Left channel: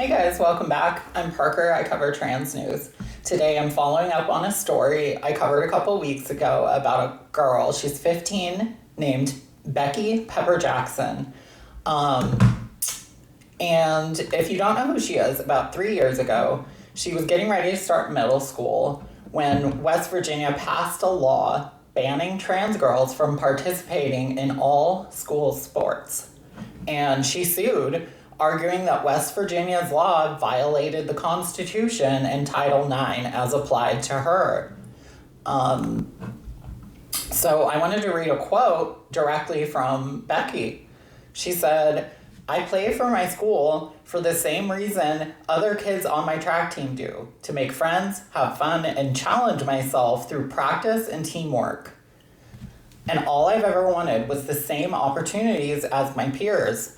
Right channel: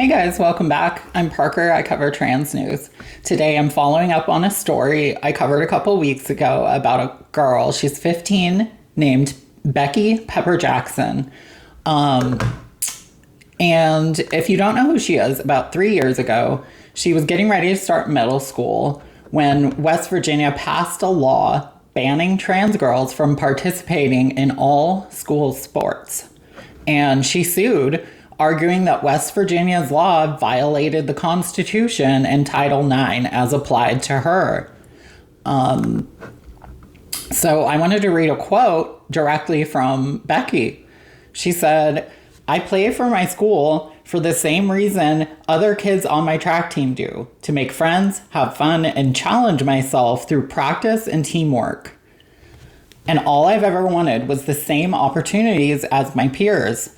Hey guys, welcome back. I'm Parker. I cover trans news. Today I'm following up on a story I covered a couple weeks ago about a girl. She's 15, named Becky Pepper-Jackson. And if you don't know who she is, about 3 years ago, she was getting ready to start middle school when West Virginia passed a law banning trans girls from participating in all school sports. And she sued, arguing that West Virginia's law violated the Constitution and Title IX as applied to her. So I wanted to read a quote directly from Becky. She said, "I play for my school for the same reason other kids on my track team do, to make friends, have fun, and challenge myself through practice and teamwork. And all I've ever wanted was the same opportunities as my peers.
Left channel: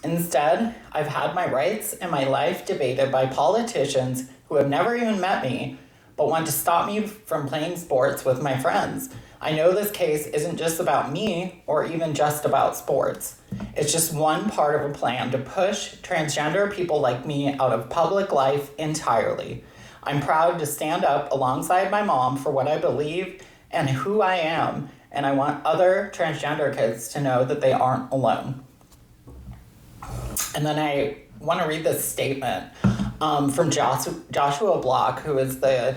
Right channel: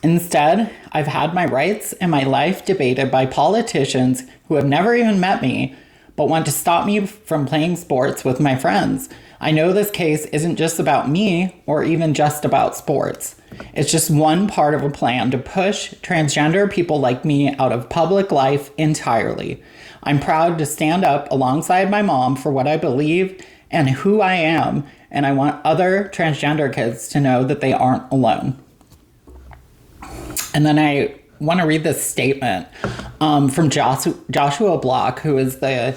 Instead, I've had my rights and my life debated by politicians who have never even met me, but want to stop me from playing sports with my friends. I know this case isn't just about me or even just about sports. It's just one part of a plan to push transgender people like me out of public life entirely. I'm proud to stand up alongside my mom for what I believe and who I am, and I want other transgender kids to know that they aren't alone." And then I want to read this statement from Joshua Block, who is the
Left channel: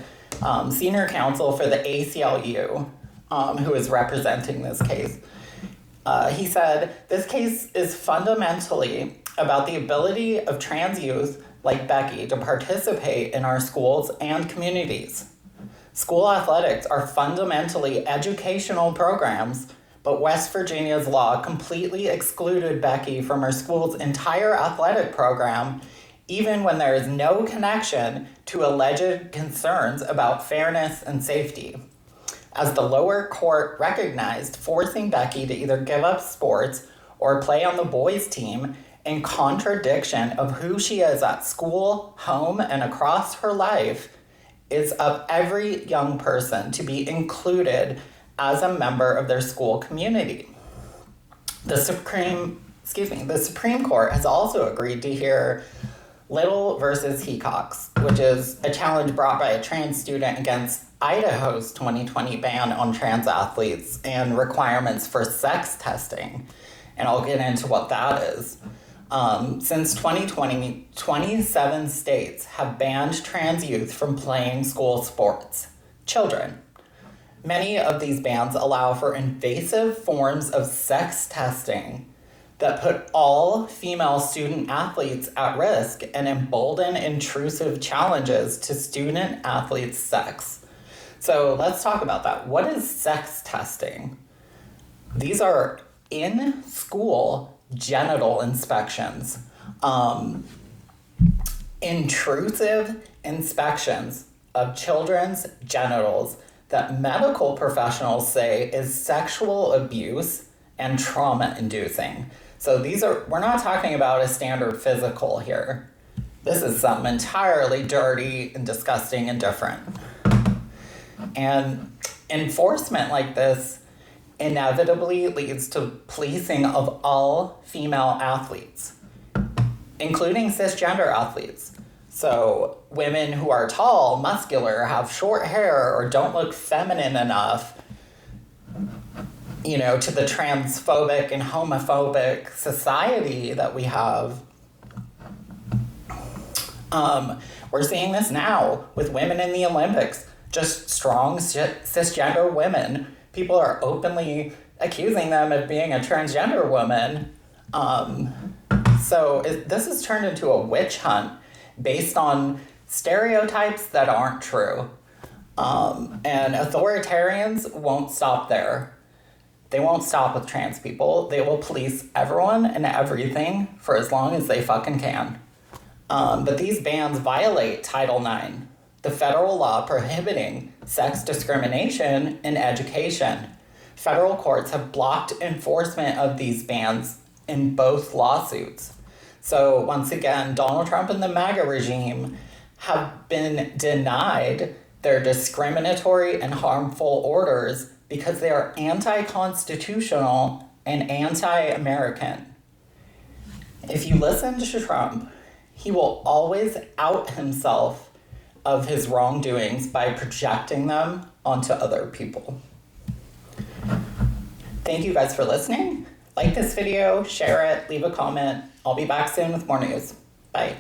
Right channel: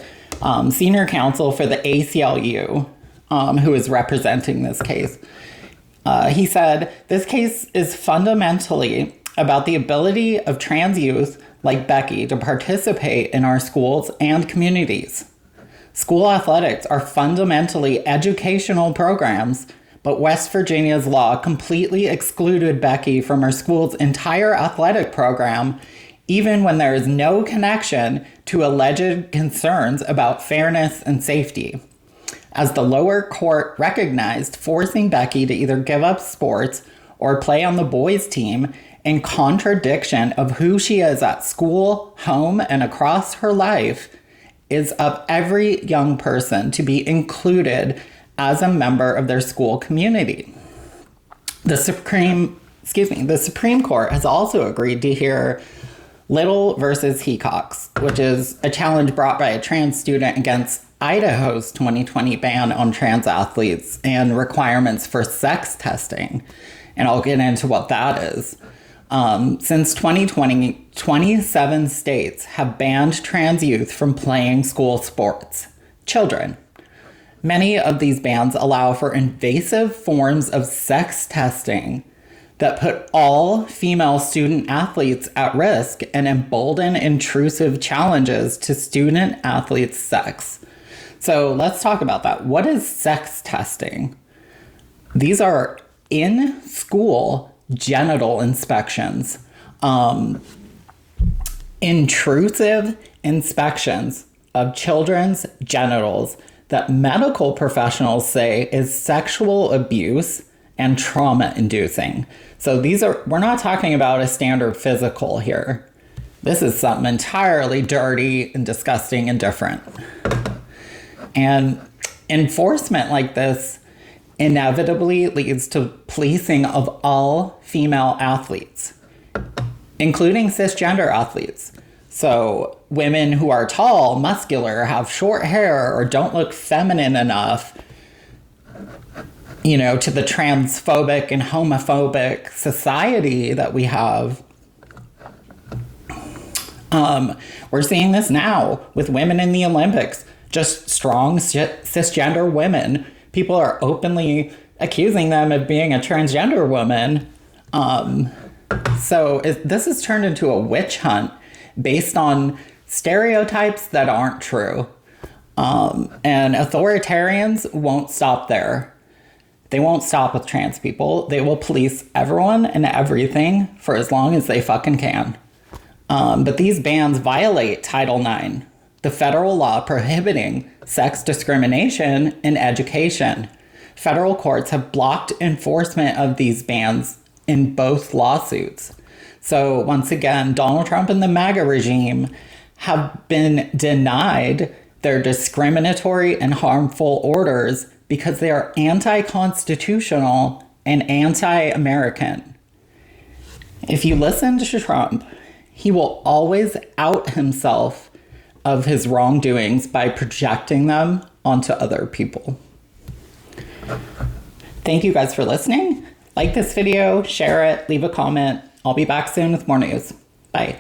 senior counsel for the ACLU, who is representing this case. He said, "This case is fundamentally about the ability of trans youth like Becky to participate in our schools and communities. School athletics are fundamentally educational programs, but West Virginia's law completely excluded Becky from her school's entire athletic program, even when there is no connection to alleged concerns about fairness and safety. As the lower court recognized, forcing Becky to either give up sports or play on the boys' team in contradiction of who she is at school, home, and across her life is of every young person to be included as a member of their school community. The Supreme Court has also agreed to hear Little versus Hecox, which is a challenge brought by a trans student against Idaho's 2020 ban on trans athletes and requirements for sex testing. And I'll get into what that is. Since 2020, 27 states have banned trans youth from playing school sports. Children. Many of these bans allow for invasive forms of sex testing that put all female student athletes at risk and embolden intrusive challenges to student athletes' sex." So let's talk about that. What is sex testing? These are in-school genital inspections, intrusive inspections of children's genitals that medical professionals say is sexual abuse and trauma-inducing. So we're not talking about a standard physical here. This is something entirely dirty and disgusting and different. And enforcement like this inevitably leads to policing of all female athletes, including cisgender athletes. So women who are tall, muscular, have short hair, or don't look feminine enough, to the transphobic and homophobic society that we have. We're seeing this now with women in the Olympics, just strong cisgender women. People are openly accusing them of being a transgender woman. This has turned into a witch hunt based on stereotypes that aren't true. And authoritarians won't stop there. They won't stop with trans people. They will police everyone and everything for as long as they fucking can. But these bans violate Title IX, the federal law prohibiting sex discrimination in education. Federal courts have blocked enforcement of these bans in both lawsuits. So once again, Donald Trump and the MAGA regime have been denied their discriminatory and harmful orders because they are anti-constitutional and anti-American. If you listen to Trump, he will always out himself of his wrongdoings by projecting them onto other people. Thank you guys for listening. Like this video, share it, leave a comment. I'll be back soon with more news. Bye.